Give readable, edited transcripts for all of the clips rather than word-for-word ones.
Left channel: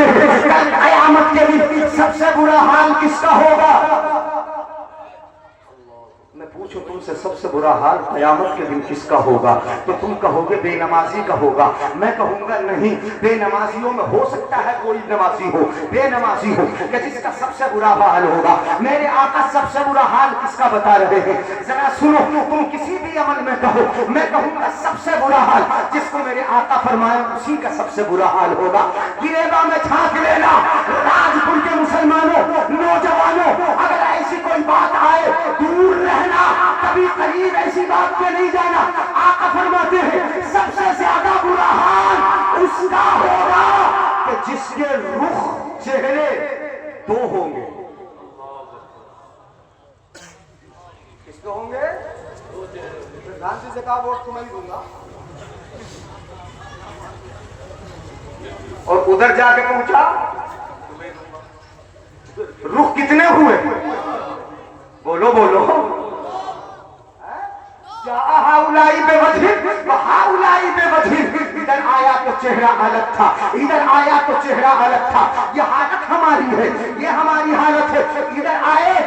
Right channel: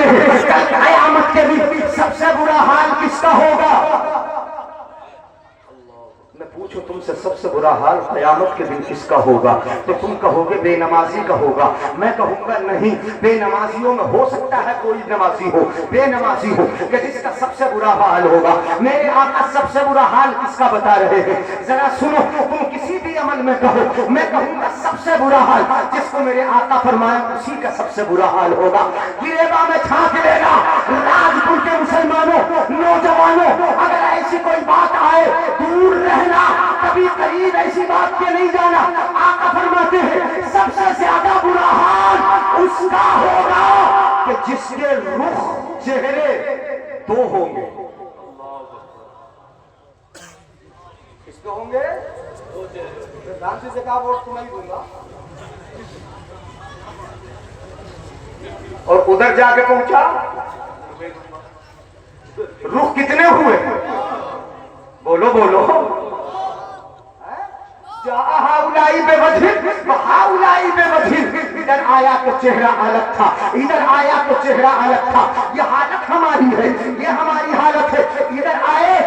فرماتے ہیں کل قیامت کے دن سب سے برا حال کس کا ہوگا؟ میں پوچھو تم سے سب سے برا حال قیامت کے دن کس کا ہوگا؟ تو تم کہو گے بے نمازی کا ہوگا. میں کہوں گا نہیں، بے نمازیوں میں ہو سکتا ہے کوئی نمازی ہو، بے نمازی ہو کہ جس کا سب سے برا حال ہوگا. میرے آقا سب سے برا حال کس کا بتا رہے ہیں؟ ذرا سنو، تم کسی بھی عمل میں کہو، میں کہوں گا سب سے برا حال جس کو میرے آقا فرمائے اسی کا سب سے برا حال ہوگا. گریباں میں چھانک لینا راجپور کے مسلمانوں، نوجوانوں، اگر ایسی کوئی بات آئے دور رہنا، کبھی قریب ایسی بات کے نہیں جانا. آقا فرماتے ہیں سب سے زیادہ برا حال اس کا ہوگا کہ جس کے رخ چہرے دو ہوں گے. کس کے ہوں گے؟ پردھان جی سے کہا ووٹ تمہیں ہی دوں گا. اور ادھر جا کے پہنچا رخ کتنے ہوئے؟ بولو بولو. ہاؤلائی بے وجہ، ہاؤلائی بے وجہ. ادھر آیا تو چہرہ الگ تھا، ادھر آیا تو چہرہ الگ تھا. یہ حالت ہماری ہے، یہ ہماری حالت ہے. ادھر آئے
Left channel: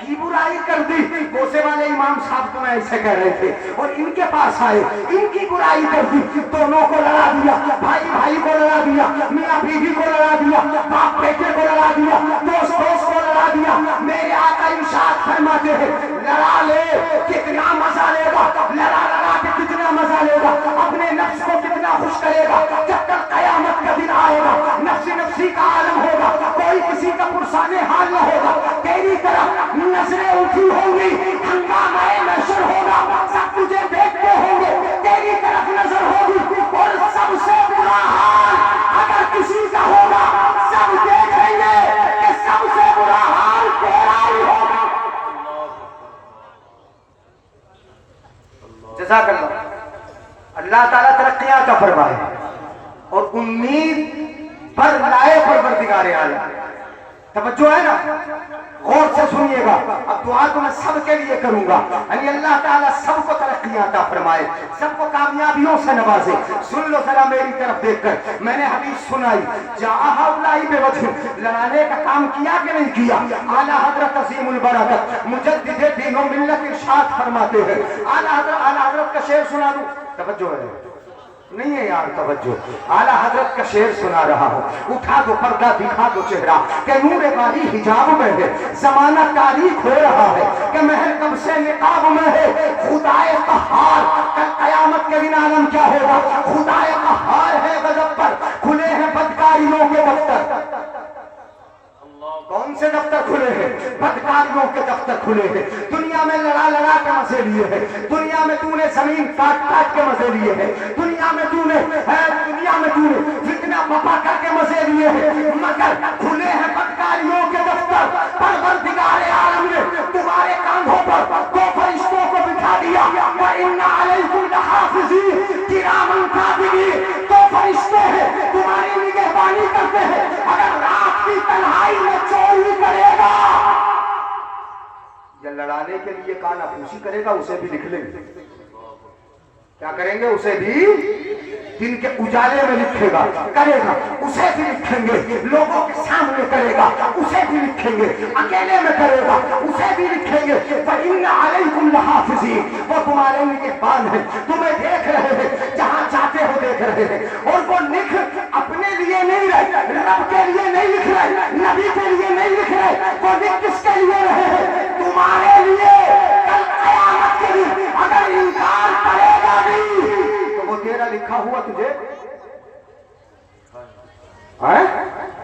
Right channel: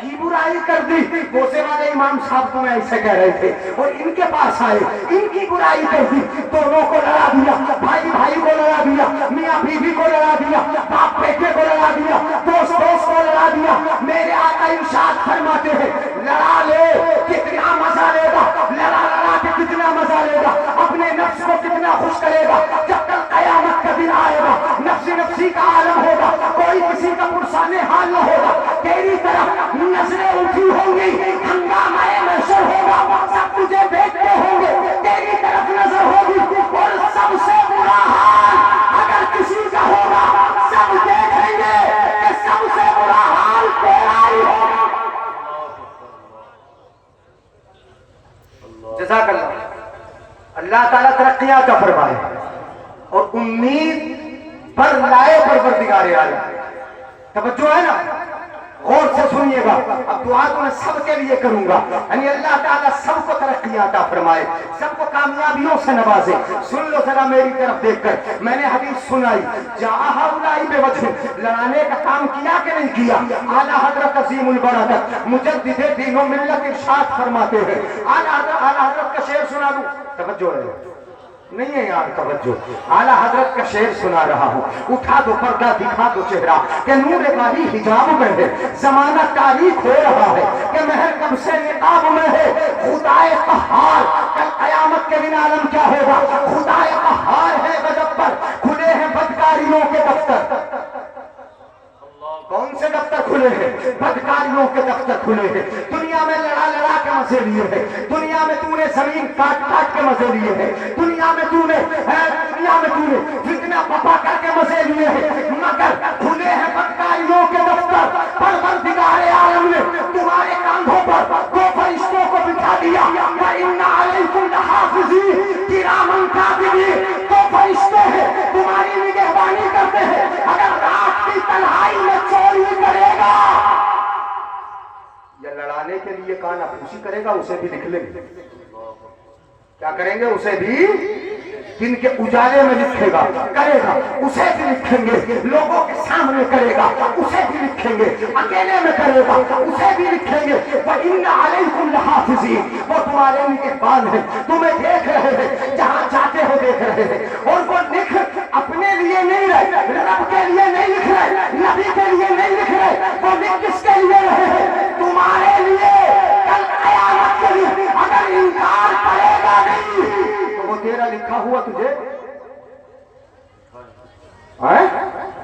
کی برائی کر دی، بوسے والے امام صاحب کو میں ایسے کہہ رہے تھے، اور ان کے پاس آئے ان کی برائی کر دی، دونوں کو لڑا دیا، بھائی بھائی کو لڑا دیا، میاں بیوی کو لڑا دیا، باپ بیٹے کو لڑا دیا، دوست دوست کو لڑا دیا. میرے آقا ارشاد فرماتے ہیں لڑا لے کتنا مزہ لے گا، لڑا لڑا کے کتنا مزہ لے گا، اپنے نفس کو کتنا خوش کرے گا. جب تک قیامت کا دن آئے گا نفسی نفسی کا عالم ہوگا، کوئی کسی کا پرسانے حال نہ ہوگا. تیری طرف نظریں اٹھی ہوں گی، ہنگامہ محشر ہوگا، سب تجھے دیکھتے ہوں گے، تیری طرف نظر ہوگی. اور سب سے برا حال اگر کسی کا ہوگا سب دیکھیں گے کہ سب سے برا حال تیرا ہی ہوگا. جزاک اللہ. اللہ تعالیٰ ترقیاں کا فرمائے اور امید پر لائے پروردگار عالم. توجہ ہے نا، غور سے سنیے گا. اب دعا تو میں سب کے لیے کروں گا، یعنی اللہ تعالیٰ سب کو ترقیاں عطا فرمائے، سب کو کامیابیوں سے نوازے. سن لو ذرا میری طرف دیکھ کر، میں نے حدیث سنائی جہاں ہؤلائی بے وجہ، لڑانے کا کام کیا کہ نہیں کیا؟ اعلیٰ حضرت عظیم البرکت مجدد دین و ملت ارشاد فرماتے ہیں. اعلیٰ حضرت کا شعر سنا دوں؟ توجہ ہے نہیں ہے یار، توجہ. اعلیٰ حضرت کا شعر سنا رہا ہوں. اٹھا دو پردہ دکھا دو چہرہ کہ نور باری حجاب میں ہے، زمانہ تاریخ ہو رہا ہے کہ مہر کب سے نقاب میں ہے. خدائے قہار کل قیامت کے دن عالم کیا ہوگا؟ خدائے قہار ہے غضب پر، کھلے ہیں بدکاریوں کے دفتر. کون سے دفتر کھلے ہیں؟ بدکاریوں کے دفتر کھلے ہیں. دنیا میں لڑا لڑا کے مزے لیے ہیں، دنیا میں تو نے زمین کاٹ کاٹ کے مزے لیے ہیں، دنیا میں تو نے فتنہ بپا کر کے مزے لیے ہیں، مگر کھلے ہیں بدکاریوں کے دفتر. پروردگار عالم نے تمہارے کاندھوں پر دو فرشتوں کو بٹھا دیا، وَإِنَّ عَلَيْكُمْ لَحَافِظِينَ کِرَامًا کاتبین. دو فرشتے ہیں تمہاری نگہبانی کرتے ہیں. اگر رات کی تنہائی میں چوری کرے گا یا لڑانے کے لیے کالا پوشی کرے گا اسے بھی لکھ لیں گے. کیا کریں گے؟ اسے بھی دن کے اجالے میں لکھے گا، کرے گا اسے بھی لکھیں گے، لوگوں کے سامنے کرے گا اسے بھی لکھیں گے، اکیلے میں کرے گا اسے بھی لکھیں گے. وَإِنَّ عَلَيْكُمْ لَحَافِظِينَ وہ تمہارے نگہبان ہیں، تمہیں دیکھ رہے ہیں، جہاں چاہتے ہو دیکھ رہے ہیں. اور وہ لکھ اپنے لیے نہیں رہے، رب کے لیے نہیں لکھ رہے، نبی کے لیے نہیں لکھ رہے. وہ لکھ کس کے لیے رہے ہیں؟ تمہارے لیے. کل قیامت کے دن اگر انکار کرے گا نہیں تو وہ تیرا لکھا ہوا تجھے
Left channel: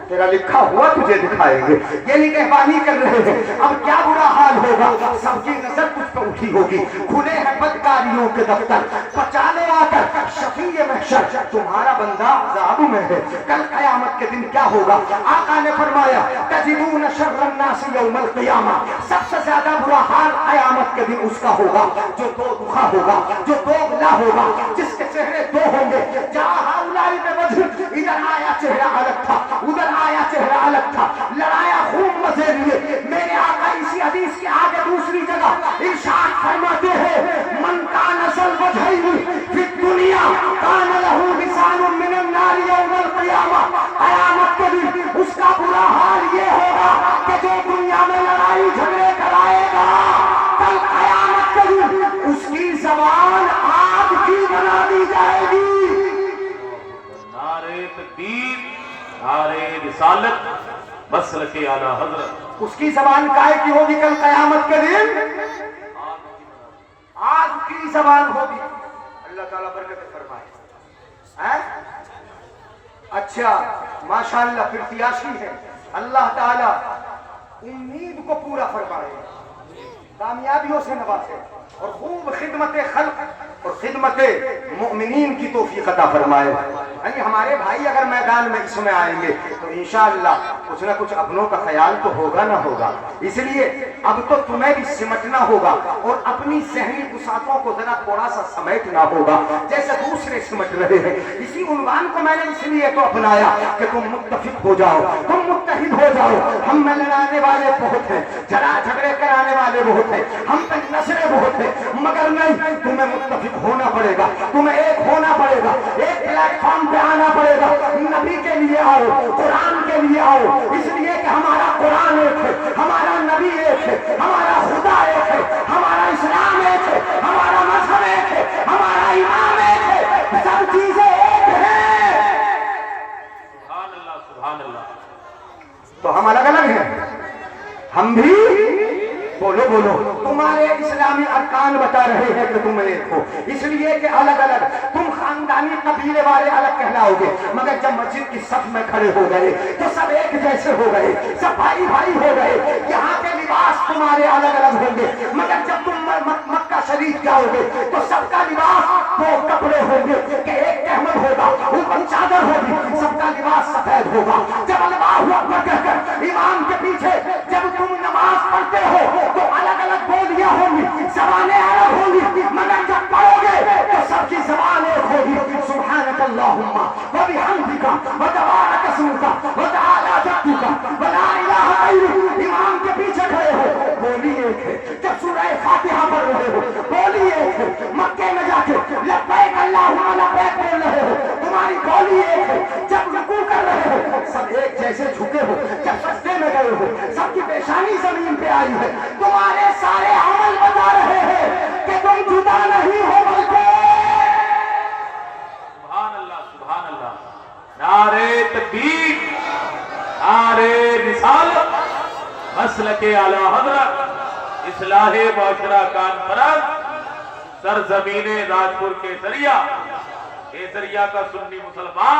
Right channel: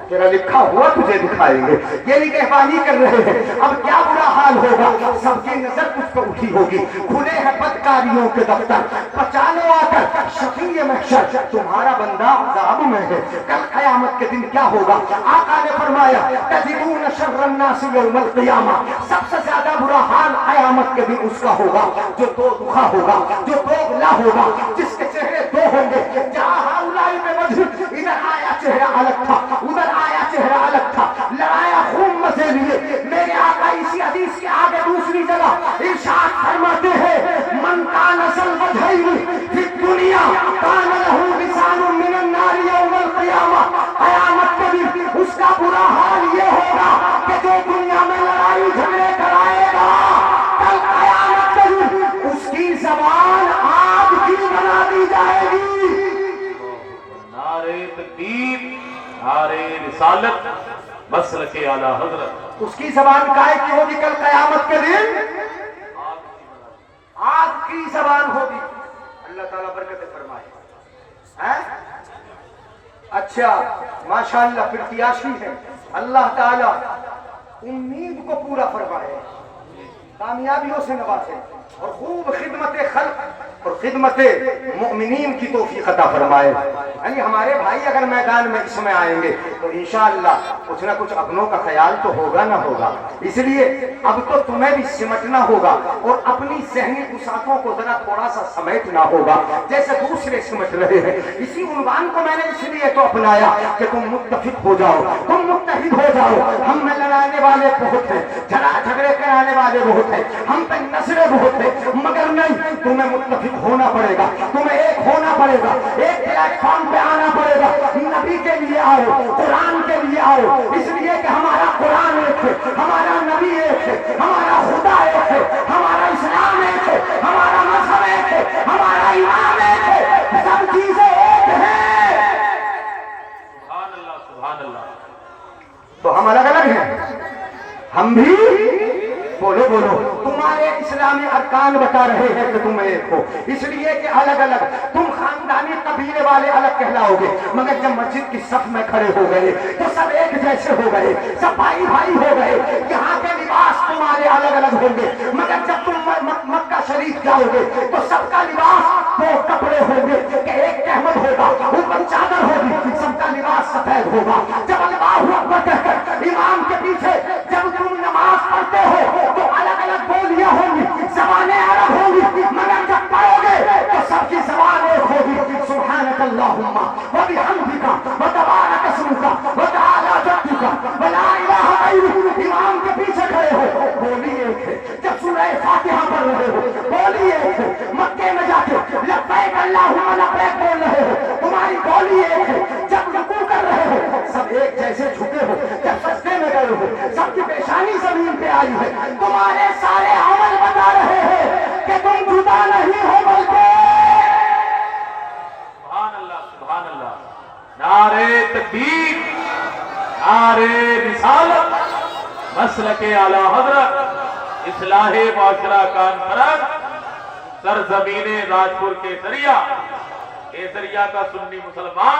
تیرا لکھا ہوا تجھے دکھائیں گے. یہ نگہبانی کر رہے ہیں. اب کیا برا حال ہوگا؟ سب کی نظر تجھ پہ اٹھی ہوگی، کھلے ہیں بدکاریوں کے دفتر. بچا لو آ کر شفیع محشر تمہارا بندہ عذاب میں ہے. کل قیامت کے دن کیا ہوگا؟ آقا نے فرمایا تجدون شر الناس یوم القیامہ. سب سے زیادہ برا حال قیامت کے دن اس کا ہوگا جو دو دکھا ہوگا، جو دوغلا ہوگا، جس کے چہرے دو ہوں گے. جہاں ہؤلائی بے وجہ، ادھر آیا چہرہ الگ تھا، ادھر آیا چہرہ الگ تھا، لڑایا خون مزے لیے. میرے آقا اسی حدیث کے آگے دوسری جگہ ارشاد فرماتے ہیں من کان ذا الوجہین فی الدنیا کان لہ لسان من النار یوم القیامہ. قیامت کے تکبیر، نعرے رسالت، مسلک اعلیٰ حضرت۔ اس کی زبان کائے کی ہوگی کل قیامت کے دن؟ آگ کی زبان ہوگی۔ اللہ تعالیٰ برکت فرمائے۔ اچھا ماشاءاللہ پرتیاشی ہے، اللہ تعالیٰ امید کو پورا فرمائے، کامیابیوں سے نوازے اور خوب خدمت خلق اور خدمت مؤمنین کی توفیق عطا فرمائے۔ یعنی ہمارے بھائی اگر میدان میں اس میں آئیں گے تو انشاءاللہ کچھ نہ کچھ اپنوں کا خیال تو ہوگا نہ ہوگا، اس لیے اب تو تمہیں بھی سمٹنا ہوگا اور اپنی ذہنی گساخوں کو ذرا تھوڑا سا سمیٹنا ہوگا جیسے دوسرے سمٹ رہے ہیں۔ اسی عنوان کو میں نے اس لیے تو اپنایا کہ تم متفق ہو جاؤ، تم متحد ہو جاؤ۔ ہم میں لڑانے والے بہت ہیں، جھگڑے کرانے والے بہت ہیں، ہم پہ نظریں بہت ہیں، مگر نہیں، تمہیں متفق ہونا پڑے گا، تمہیں ایک ہونا پڑے گا، ایک پلیٹ فارم پہ آنا پڑے گا۔ نبی کے لیے آؤ، قرآن کے لیے آؤ، اس لیے کہ ہمارا قرآن ایک ہے، ہمارا نبی ایک ہے، ہمارا خدا ایک ہے، ہمارا اسلام ایک ہے، ہمارا مذہب ایک ہے، ہمارا امام ایک ہے، سب چیزیں ایک ہیں۔ سبحان اللہ، سبحان اللہ۔ تو ہم الگ الگ ہیں، ہم بھی بولو بولو، تمہارے اسلامی ارکان بتا رہے ہیں کہ تم ایک ہو، اس لیے کہ الگ الگ تم خاندانی قبیلے والے الگ کہلاؤ گے، مگر جب مسجد کی صف میں کھڑے ہو گئے تو سب ایک جیسے ہو گئے، سب بھائی بھائی ہو گئے۔ یہاں کے لباس تمہارے الگ الگ ہوں گے، مگر جب تم مکہ شریف جاؤ گے تو سب کا لباس دو کپڑے ہوں گے کہ ایک احمد ہوگا، اوپر چادر ہوگی، سب کا لباس سفید ہوگا۔ جب اللہ اکبر کہہ کر امام کے پیچھے جب تم نماز پڑھتے ہو تو الگ الگ بولیاں ہوں گی، زبانیں الگ ہوں گی، مگر جب پڑھو گے تو سب کی زبان ایک ہوگی۔ سبحانک اللہم وبحمدک وتبارک اسمک وتعالی جدک ولا الہ غیرک۔ امام کے پیچھے کھڑے ہو، بولی ایک ہے۔ جب سورہ فاتحہ پڑھ رہے ہو، بولی ایک ہے۔ مکے میں جا کے لبیک اللہم لبیک بول رہے ہو، تمہاری بولی ایک ہے۔ جب رکوع کر رہے ہو سب ایک جیسے جھکے ہو، جب سجدے میں گئے ہو سب کی پیشانی زمین پہ آئی ہے۔ تمہارے سارے عمل بتا رہے ہیں کہ تم جدا نہیں ہو بلکہ۔ سبحان اللہ، سبحان اللہ۔ نعرے تکبیر، نعرے رسالت، مسلک اعلیٰ حضرت، اصلاح معاشرہ کانفرنس، سرزمین راجپور کیسریا، کیسریا کا سنی مسلمان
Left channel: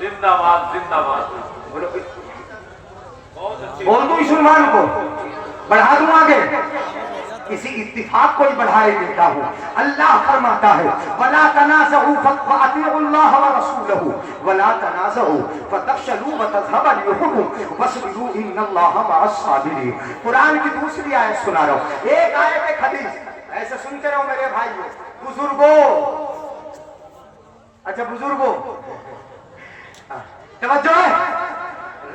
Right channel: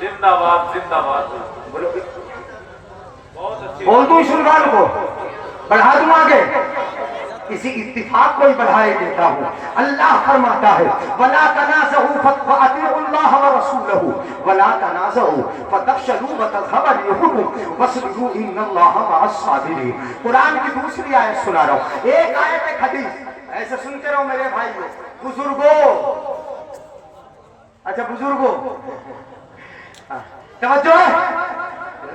زندہ باد، زندہ باد۔ بول دوں اس عنوان کو، بڑھا دوں آگے، کسی اتفاق کو ہی بڑھائے دیتا ہوں۔ اللہ فرماتا ہے وَلَا تَنَازَعُوا فَأَطِيعُوا اللَّهَ وَرَسُولَهُ وَلَا تَنَازَعُوا فَتَفْشَلُوا وَتَذْهَبَ رِيحُكُمْ وَاصْبِرُوا إِنَّ اللَّهَ مَعَ الصَّابِرِينَ۔ قرآن کی دوسری آیت سنا رہا ہوں، ایک آیت ایک حدیث، ایسے سنتے رہو میرے بھائیو، بزرگوں، اچھا بزرگوں توجہ ہے،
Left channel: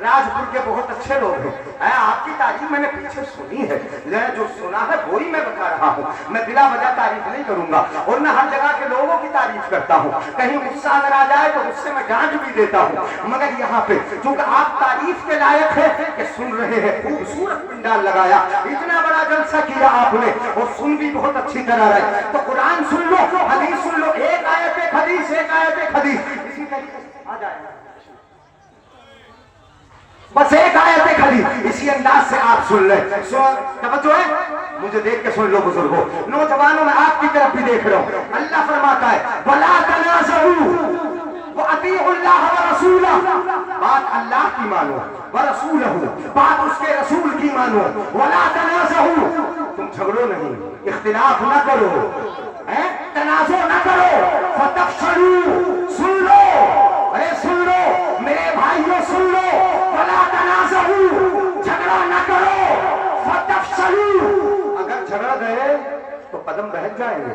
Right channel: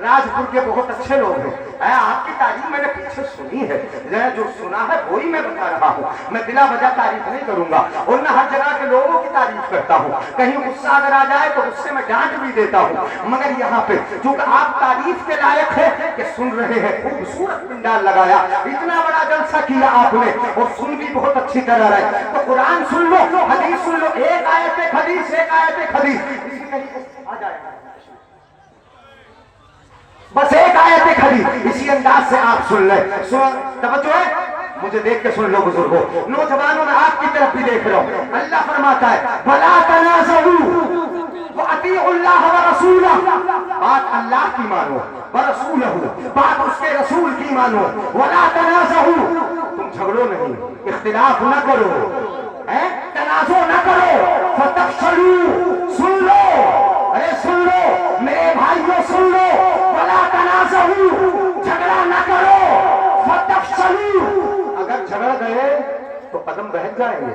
راجپور کے بہت اچھے لوگ ہیں، آپ کی تعریف میں نے پیچھے سنی ہے، جو سنا ہے وہی میں بتا رہا ہوں، میں بلا وجہ تعریف نہیں کروں گا اور نہ ہر جگہ کے لوگوں کی تعریف کرتا ہوں، کہیں غصہ اگر آ جائے تو غصے میں ڈانٹ بھی دیتا ہوں، مگر یہاں پہ چونکہ آپ تعریف کے لائق ہے کہ سن رہے ہیں، خوبصورت پنڈال لگایا، اتنا بڑا جلسہ کیا آپ نے اور سن بھی بہت اچھی طرح رہے، تو قرآن سن لو، حدیث سن لو، ایک آیت ایک حدیث، ایک آیت ایک حدیث، اسی طریقے سے آ جائے گا، بس ایک آیت ایک حدیث، اسی انداز سے آپ سن لیں، سن توجہ ہے، مجھے دیکھ کے سن لو بزرگوں، نوجوانوں میں آپ کی طرف بھی دیکھ رہا ہوں، اللہ فرماتا ہے وَلَا تَنَازَعُوا وَأَطِيعُوا اللَّهَ وَرَسُولَهُ، بات اللہ کی مانو، وَرَسُولَهُ، بات اس کے رسول کی مانو، وَلَا تَنَازَعُوا، تم جھگڑو نہیں، اختلاف نہ کرو، تنازع نہ کرو، فَتَفْشَلُوا، سن لو، ارے سن لو میرے بھائیوں، سن لو، وَلَا تَنَازَعُوا، جھگڑا نہ کرو، فَتَفْشَلُوا، اگر جھگڑ گئے تو قدم رہ جائیں گے،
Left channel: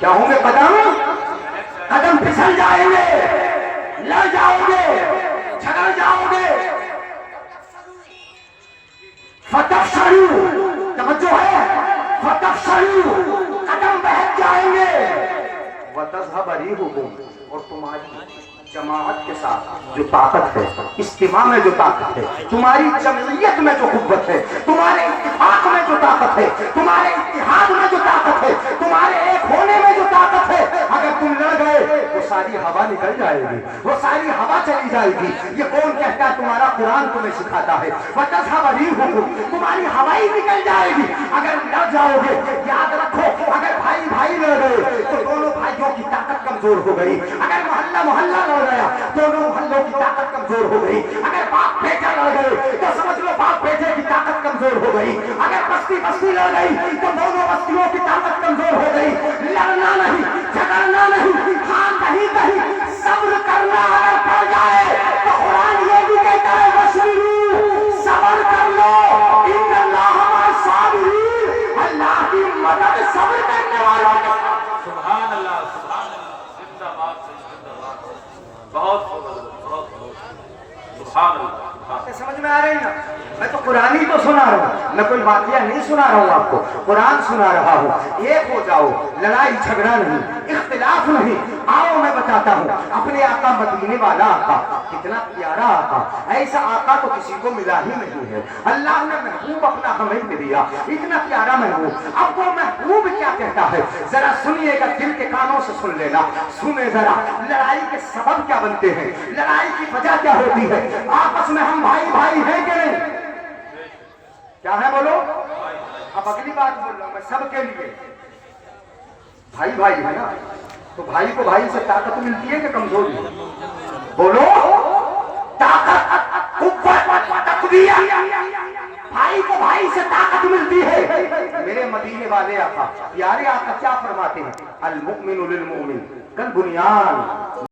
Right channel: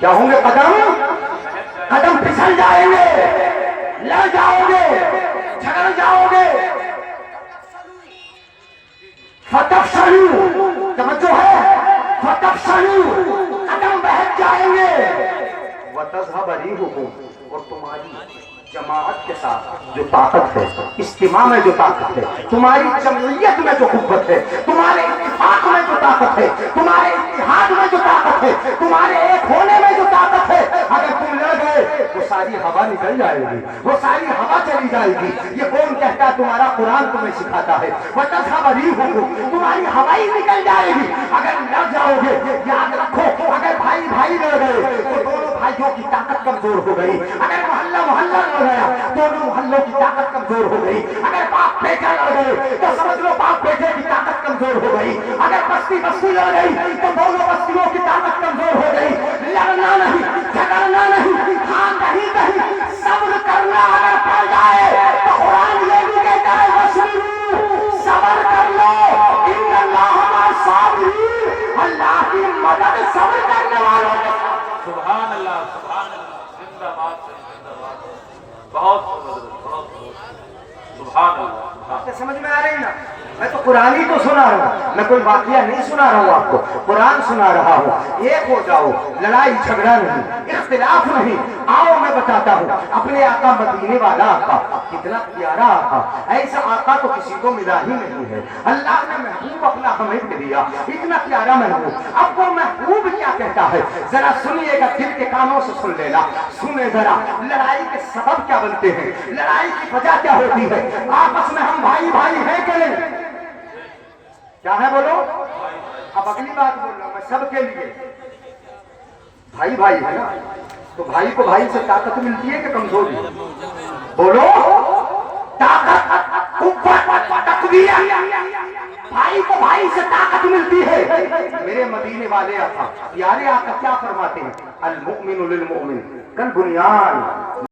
کیا ہوں گے قدم پھسل جائیں گے، لڑ جاؤ گے، جھگڑ جاؤ گے، فَتَفْشَلُوا، توجہ ہے، فَتَفْشَلُوا، قدم بہت جائیں گے، وَتَذْهَبَ رِيحُكُمْ، اور تمہاری جماعت کے ساتھ جو طاقت ہے، اجتماع میں جو طاقت ہے، تمہاری جمعیت میں جو قوت ہے، تمہارے اتفاق میں جو طاقت ہے، تمہارے اتحاد میں جو طاقت ہے، تمہارے ایک ہونے میں جو طاقت ہے، اگر تم لڑ گئے وہ ساری ہوا نکل جائے گی، وہ ساری ہوا چلی جائے گی۔ یہ کون کہتا ہے؟ تمہارا قرآن تمہیں سکھاتا ہے۔ وَتَذْهَبَ رِيحُكُمْ، تمہاری ہوائی نکل جائے گی اگر لڑ جاؤ گے۔ یاد رکھو، اگر بھائی بھائی لڑ گئے تو دونوں بھائیوں کی طاقت کمزور ہو گئی۔ اگر محلہ محلہ لڑ گیا دونوں محلوں کی طاقت کمزور ہو گئی۔ اگر باپ بیٹا لڑ گئے تو سمجھ لو باپ بیٹے کی طاقت کمزور ہو گئی۔ اگر بستی بستی لڑ گئی تو دونوں بستیوں کی طاقت کمزور ہو گئی۔ لڑنا نہیں، جھگڑنا نہیں، ہاں کہیں کہیں صبر کرنا اگر پڑ جائے تو قرآن یہ بھی کہتا ہے وَاصْبِرُوا، صبر کر لو، ان اللہ مع الصابرین، اللہ کی مدد صبر کرنے والوں کے ساتھ۔ سبحان اللہ، سبحان اللہ، زندہ باد زندہ باد، بہت سبحان اللہ۔ باتیں سمجھ میں آ رہی نا؟ میں تو قرآن ہی تو سنا رہا ہوں، میں کوئی واقعہ نہیں سنا رہا ہوں آپ کو، قرآن سنا رہا ہوں۔ ایک ہو جاؤ، لڑائی جھگڑا نہیں، اختلاف نہیں۔ آؤ میں بتاتا ہوں، اپنے آقا مدینے والا آقا کتنا پیارا آقا، ایسا آقا تو کسی کو ملا ہی نہیں ہے۔ اللہ نے محبوب اپنا ہمیں دیا، اتنا پیارا محبوب۔ اب وہ محبوب کیا کہتا ہے ذرا سنیے گا، دل کے کانوں سے سن لینا۔ سنیں ذرا، لڑائی کے سبب کیا بنتے ہیں، لڑائی کی وجہ کیا ہوتی ہے؟ آپس میں ہم بھائی بھائی ہیں کہ نہیں؟ کیا ہے بولو؟ اب اگلی بات بول رہا ہوں میں سب کے لیے، بھائی بھائی ہے نا، تو بھائی کو بھائی سے طاقت ملتی ہے کہ کمزوری؟ بولو، طاقت، قوت، تقویت، بھائی کو بھائی سے طاقت ملتی ہے۔ میرے مدینے والے آقا، پیارے آقا کیا فرماتے ہیں؟ المؤمن للمؤمن کالبنیان